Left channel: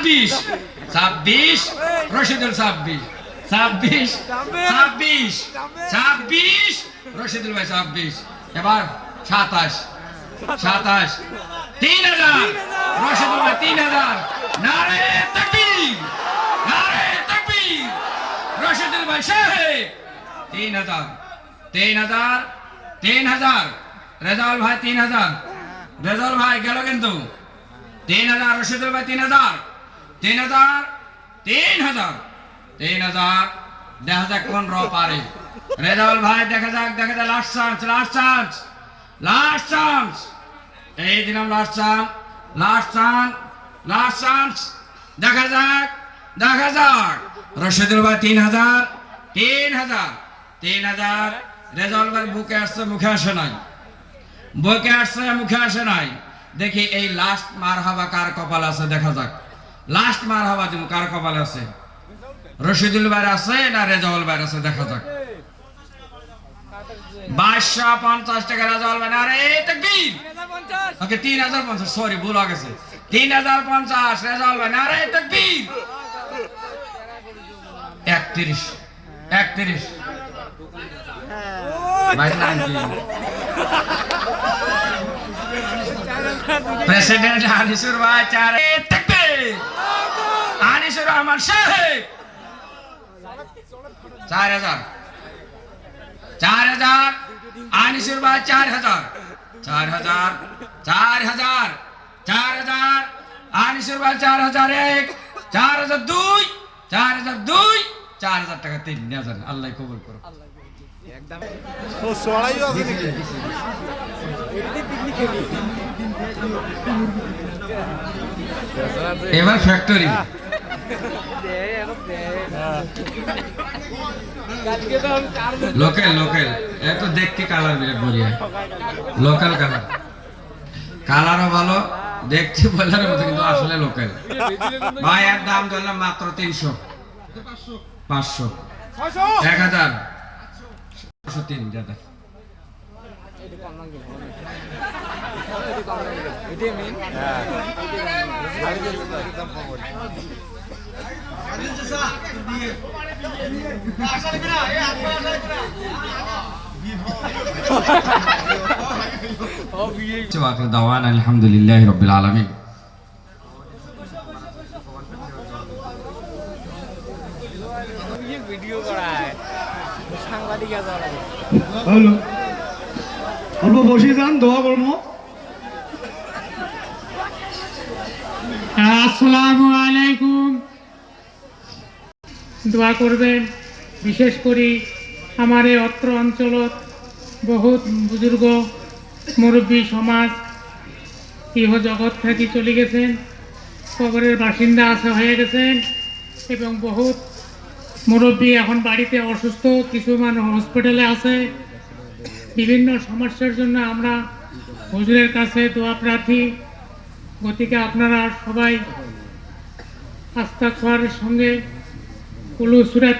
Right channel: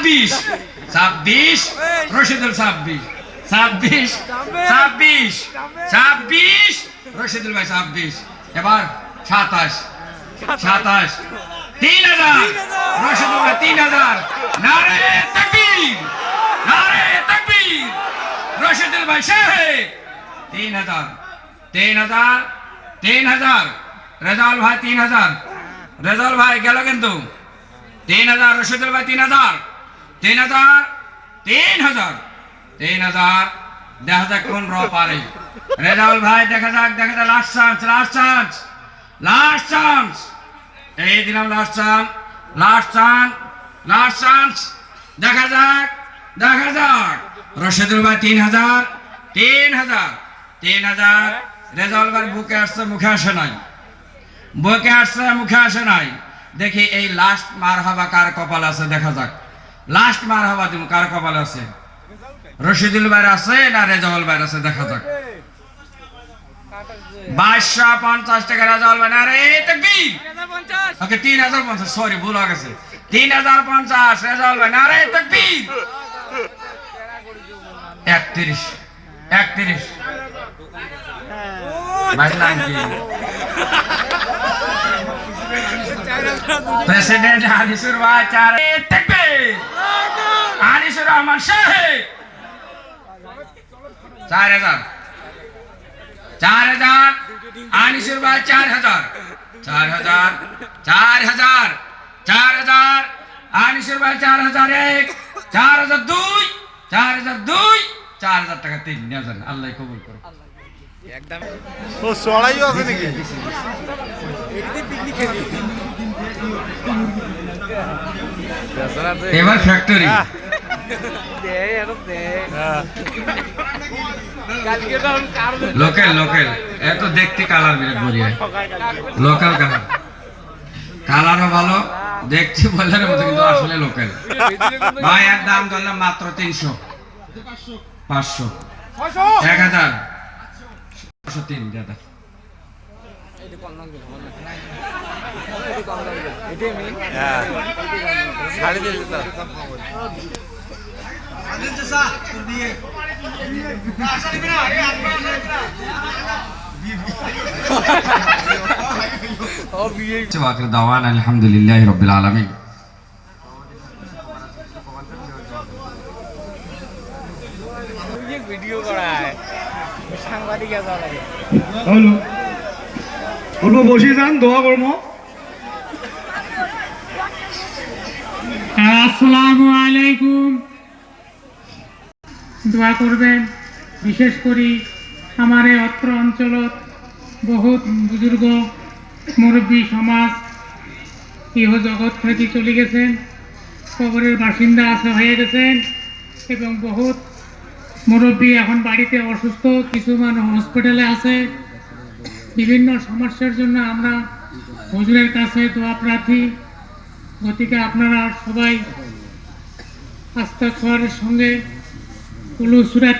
26 26 রশিদুল 26 26 26 26 রশিদুল ভাই 26 এবার 27 27 3000 রশিদুল ভাই 3000 নারে তাকবীর নারে তাকবীর রশিদুল ভাই সাহেব 3000 3000 3000 রেজাউল ভাই 3000 রেজাউল ভাই গেল কিন্তু 3000 রশিদুল ভাই 3000 3000 3000 3000 দেখা যাক কোন র পারে রেজাউল ভাই দেখা যাক লাস্ট চান্স এই দিলাম লাস্ট চান্স দেখা যাক রশিদুল ভাই 3000 রেজাউল ভাই বুকে আসছে মুখে আসে নাই দেখি এই লাস্ট মারহাবা কার কপাল আছে দেখা যাক লাস্ট মারহাবা তুমি কার কপাল আছে রশিদুল ভাই আছে না রেজাউল ভাই আছে দেখা যাক 2250 টাকা রেজাউল ভাই না রে তাকবীর 3050 ওকে 3050 সরি ভুল হয়ে গেছে 3050 রেজাউল ভাই না রে তাকবীর 31 ভাই নাকি প্রেসিডেন্ট আনিসুর ভাই 4 তাকবীর আনিসুর রহমান সাহেব 4000 আনিসুর ভাই 4000 আনিসুর ভাই 4001 4002 4000 টাকা 3000 আল্লাহ কবুল করো একদম ও সড়াইও আছে নাকি এদিকে পিকনিক খেলি এবার ফ্যাক্টরি লোকাল এত দেখতে কালার বলিয়া লোকাল কালারও ভালো দেখছি বলার মতো কিন্তু আসলে লোকাল ভাই এর দাম ধরলাম মাত্র 300 500 1000 3 দাদা দাওয়ান আলহামদুলিল্লাহ রাব্বিল আলামিন ভিডিও করায় সাংবাদিক আসা লাগে হ্যালো অল্প বসে যান দোয়া করবো আসসালামু আলাইকুম দোয়া করবেন বিশেষ করে আমার এই অত্র অঞ্চলত বহুত বুজুর্গ মুরব্বী সমাজ ইহ জগৎ থেকে চলে গেছেন কবরের বাসিন্দা হয়ে গেছেন এবং বহুত মুরব্বী এখন বাড়িতে অসুস্থ কিছু মানুষ হসপিটালে আছে বিভিন্ন সমস্যার জন্য আমরা হুজুরের কাছে দোয়া প্রার্থী গতিকে আপনারা সবাই আস্তাগফারের সঙ্গে কুলু সূরা